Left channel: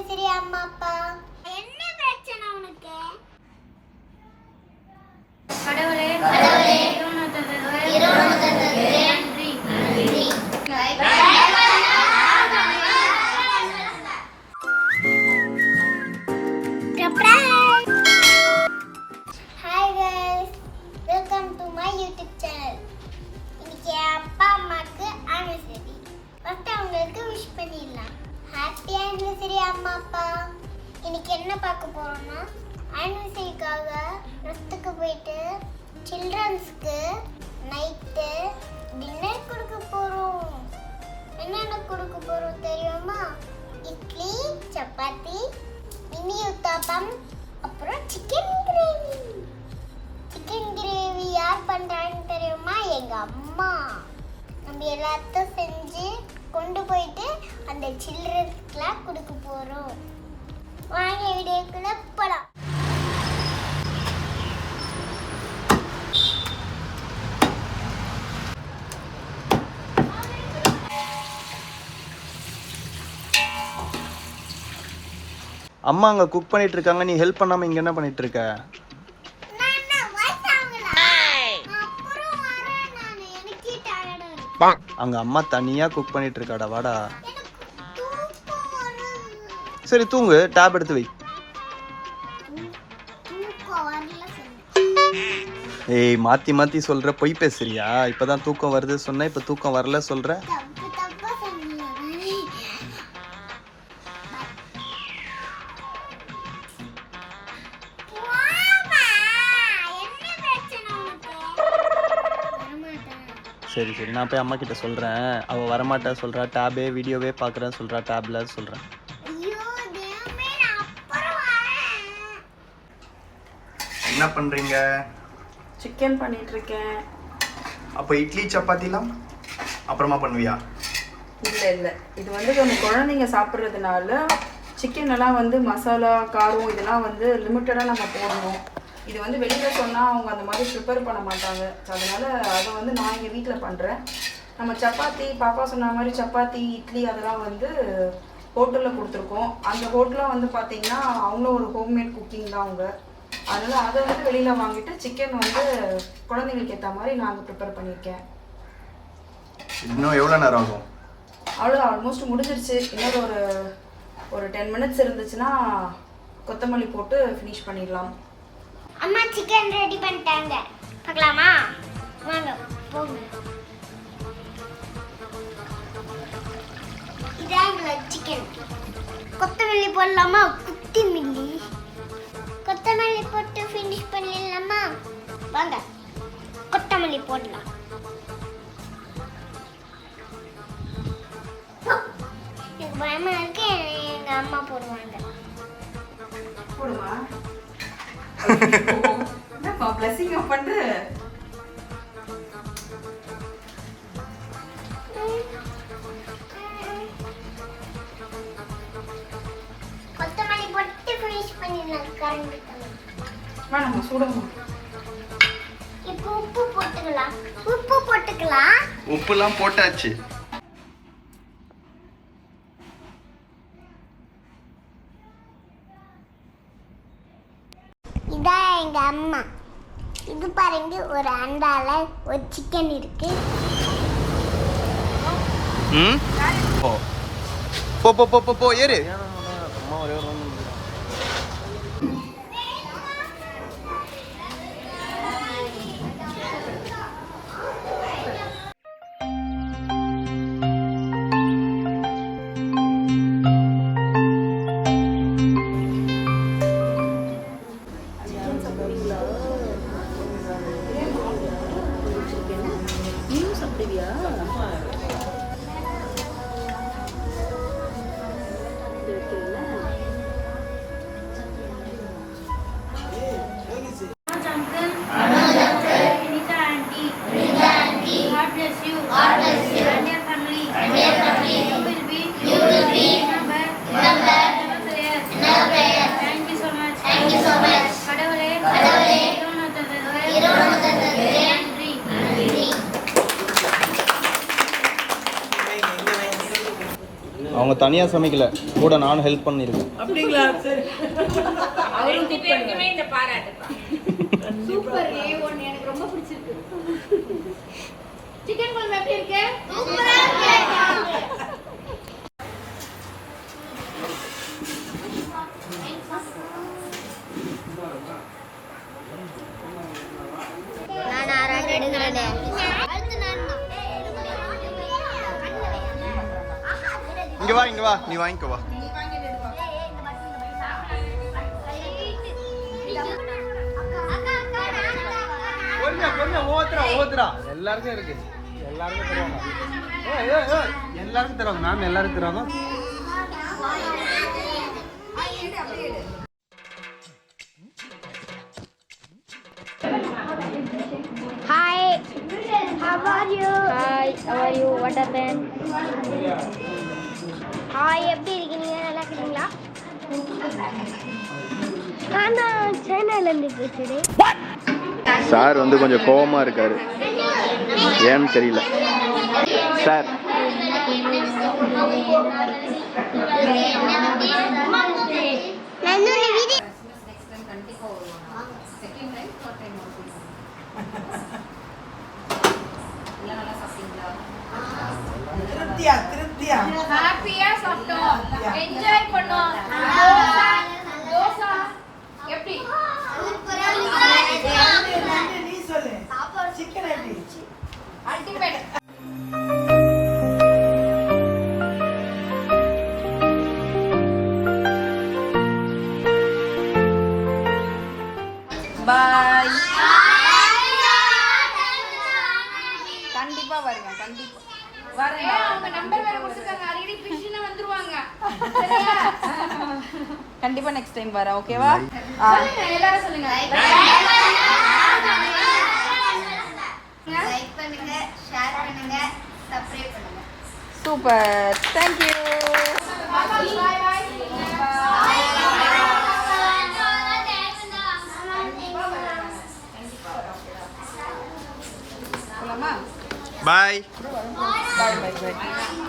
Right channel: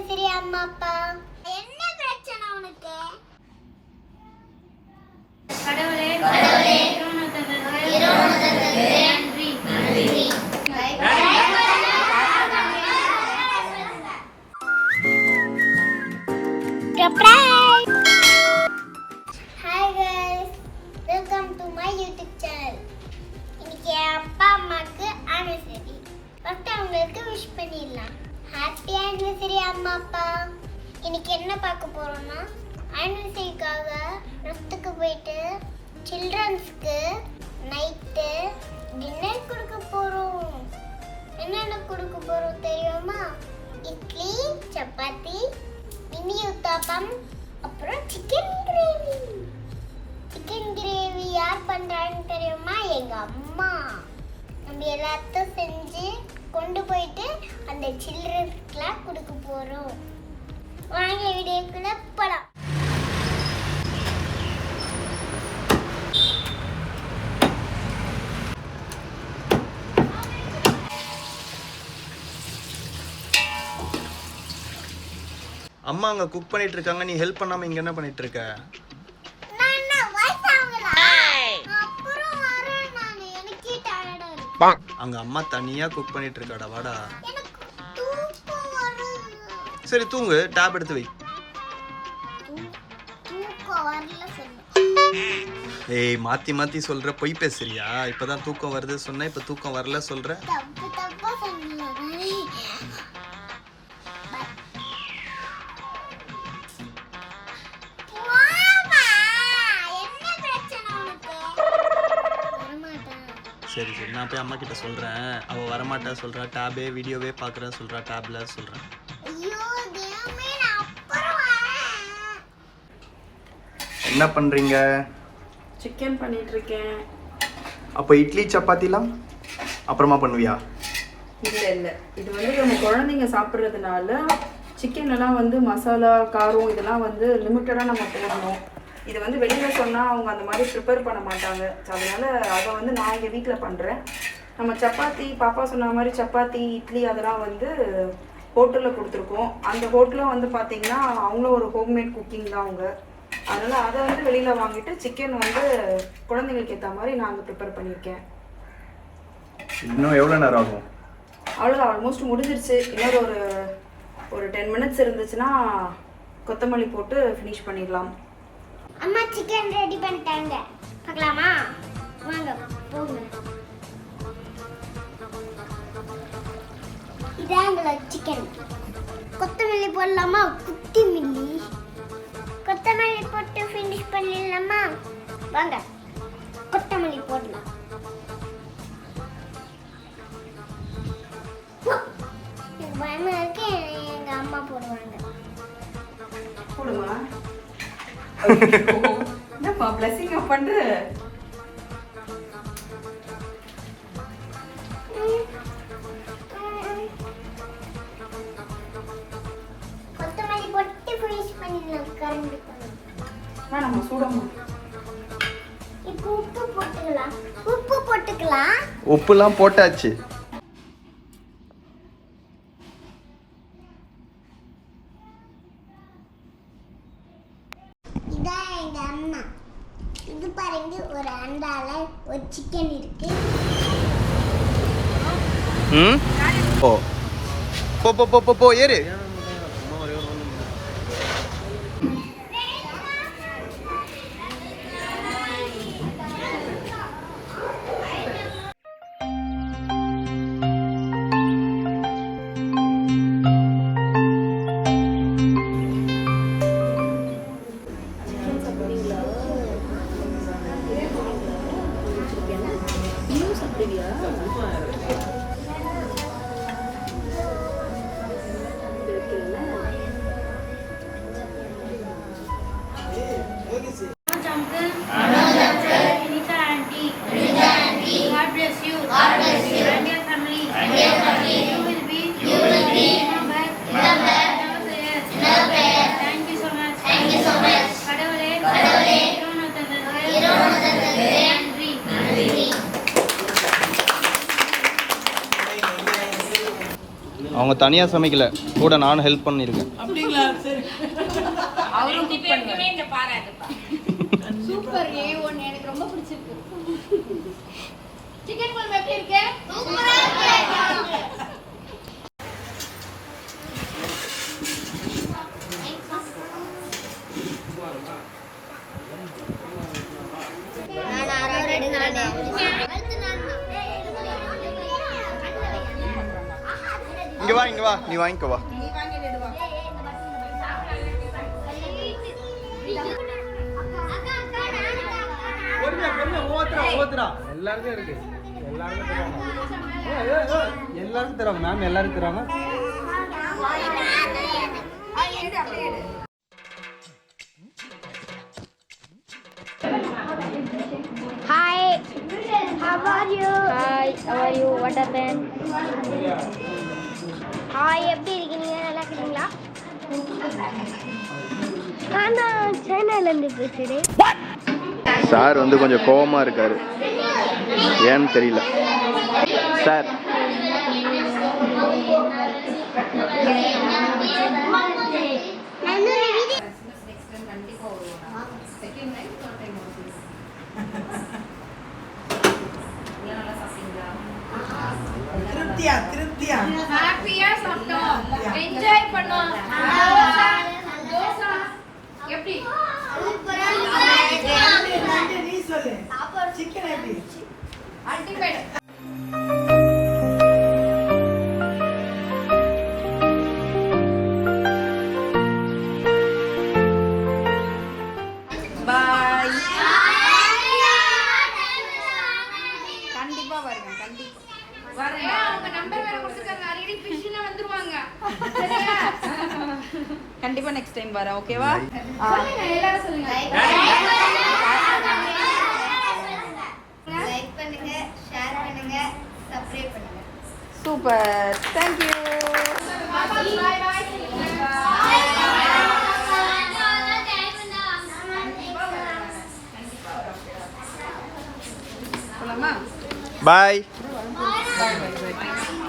Anniversary அம்மா அப்பா. என்ன பிரச்சனை உனக்கு? கடவுளே நன்றி. Hi guys, welcome to my YouTube channel. இன்னைக்கு அப்பா அம்மாக்கு ஆனிவர்சரி. ஃபர்ஸ்ட் அவங்களுக்கு விஷ் பண்ணிடலாம். ஹாப்பி ஆனிவர்சரி அம்மா அப்பா. இன்னைக்கு என்ன பார்க்க போறோம்னா ஆனிவர்சரிக்காக ரெஸ்ட்டுக்கு போயிட்டு சில்ட்ரன்ஸ்க்கு நைட்டு டின்னர் கொடுக்க போறோம். என்னென்ன கொடுக்க போறோம் தெரியுமா? இட்லி, சப்பாத்தி, மினி உத்தாப்பம், அப்புறம் சிக்கன் கிரேவி. சிக்கன் கிரேவி யார் பண்றான்னு தெரியுமா? எங்க அம்மா. நம்ம எல்லாத்தையும் செஞ்சு கொண்டு போயிட்டு அந்த சில்ட்ரன்ஸ்க்குலாம் கொடுக்க போறோம். வாங்க வீடியோக்குள்ள போலாம். அம்மா அங்க குக் பண்ணிட்டு இருக்காங்க, நீ ஹெல்ப் பண்ணாம இங்க என்ன பண்ணிட்டு இருக்க? அங்க அம்மா தனியா குக் பண்ணிட்டு இருக்காடா, வாடா. சரி தூங்கு, டேப் எடுத்து வை. ஏய் மாத்தி மாத்தி சொல்ற, பொய் பேசுறியா? இப்பதான் தூக்கம் வருது சொன்ன, இப்ப தூக்கம் வரல சொல்ற. சரி சரி, நான் போய் அம்மா கிட்ட சொல்றேன். அவ வரமாட்டா சொல்றா, டேபே வீடியோவே பாக்குறேன் சொல்றா, டேப்ல சொல்றேன். என்ன பண்றீங்க? சிக்கன் பண்ணிட்டு இருக்கேன். அப்ப இட்லி சப்பாத்திலாம் அப்புறமா பண்ணுவியா? இல்ல இல்ல, இது வந்து நம்ம குழந்தைங்க சாப்பிட்றதுனால சிக்கன் எல்லாம் வந்து மசாலா காரம் இதெல்லாம் வந்து லிமிட்டடா நம்ம போடணும். இது வந்து வெளியில் சொன்னால் அவங்க அந்த மாதிரி ப்ரிப்பேர் பண்ண மாட்டாங்க. அதனால் அதை வந்து நான் எங்கள் வீட்டில் பண்ணுறேன். நம்ம சப்பாத்தி, பாப்பா சொன்ன மாதிரி சப்பாத்தி, இட்லி அதெல்லாம் வந்து ஹோட்டலில் கொடுத்துருக்கோம். அந்த ஹோட்டலில் வந்து பார்த்திங்கன்னா அவங்களும் ஒரு ஹோம்மேட் குக்கிங் தான் அவங்க. அதனால் அதை வந்து வெளியில் வாங்கிட்டு சிக்கன் வந்து குழந்தைங்களுக்கு ஏற்ற மாதிரி நான் அங்கே ப்ரிப்பேர் பண்ணியிருக்கேன். இன்னும் எவ்வளோ நேரம் ஆகும்? அவ்வளோதான், ஆல்மோஸ்ட் முடிஞ்சிருச்சு. இன்னொரு ஒரு 10 மினிட்ஸ் இருந்துச்சுன்னா கொத்தமல்லி போட்டு ஃபினிஷ் பண்ணிடலாம். அம்மா சிக்கன் ரெடி பண்ணிட்டாங்க, பார்க்கலாமா? வாங்க போங்க. இதாங்களா சிக்கன். கொத்தமல்லி போடலாமா? குட்டி மில்லி கொத்தமல்லி போட்டு ஃபினிஷ் பண்ணிடலாமா? வாங்க கொத்தமல்லி போடலாம். பயமா இருக்கு, எங்க அம்மா போடுவாங்க. போடுமா? என்னப்பா பிளஸிங் பண்ற? கொத்தமல்லி போட்டு ஃபினிஷ் பண்ணிடலாம். கரண்ட் வேணாம், சூடமா. இப்போ உப்பு போட்டுக்கலாம். உப்பு போட்டுக்கலாம். உப்புலாம் போட்டாச்சு. இதான் எங்க அம்மா. இது பாருங்க, ஒரு அண்டால ஒரு சிக்கன் இருக்கு. போ போ போ போ போ ஏறு. அவங்க தனியாக சமைக்கல, கூட நானும் ஹெல்ப் பண்ணியிருக்கேன். அப்படிங்களா? சரி. அவரும் குக் பண்ணுங்க. இந்த பாராட்டுப்பா. சூப்பர் A1 எனக்கு ரொம்ப பிடிச்சிருக்கு. சிக்கன் குழம்பு எப்படி இருக்கு? சூப்பரா இருக்கு. நான் ஆறாவது எடுங்கறேனே. இங்கே வா, இங்கே வா, நீ வாங்கிக்கோ வா. எல்லாருக்கும் இருக்கு, எல்லாருக்கும் தருவாங்க மேம், எல்லாருக்கும் தருவாங்க. Hi, how are you? Hi, how are you? What happened? Hi, எப்படி இருக்கீங்க? நல்லா இருக்கீங்களா? நான் சைனால இருந்து பேசுறேன். சார் வந்து கொஞ்சம் கோவமாக இருக்காரு, ஏன்னு தெரியல. சார் ஹாப்பியா சாப்பிட்டோம், என்ஜாய் பண்ணோம். தோசை எப்படி? நீ சொல்லு. சிக்கன் எப்படி? அல்டிமேட். பாய். கண்டிப்பா வருங்க, கண்டிப்பா வரேன். அவங்க நம்பர் வேற கொடுத்துருக்காங்க, அடிக்கடி ஃபிஷ்ல வந்துருவாங்க. சரியா? கண்டிப்பா நெக்ஸ்ட் டைம் வரேன். ஓகேவா? சொல்லுங்க, எல்லாரும் சொல்லுங்க. லைக் பண்ணுங்க, ஷேர் பண்ணுங்க, சப்ஸ்கிரைப் பண்ணுங்க. Super. Thank you. Bye bye. போலாமா? பாய். பாய் பாய் பாய்.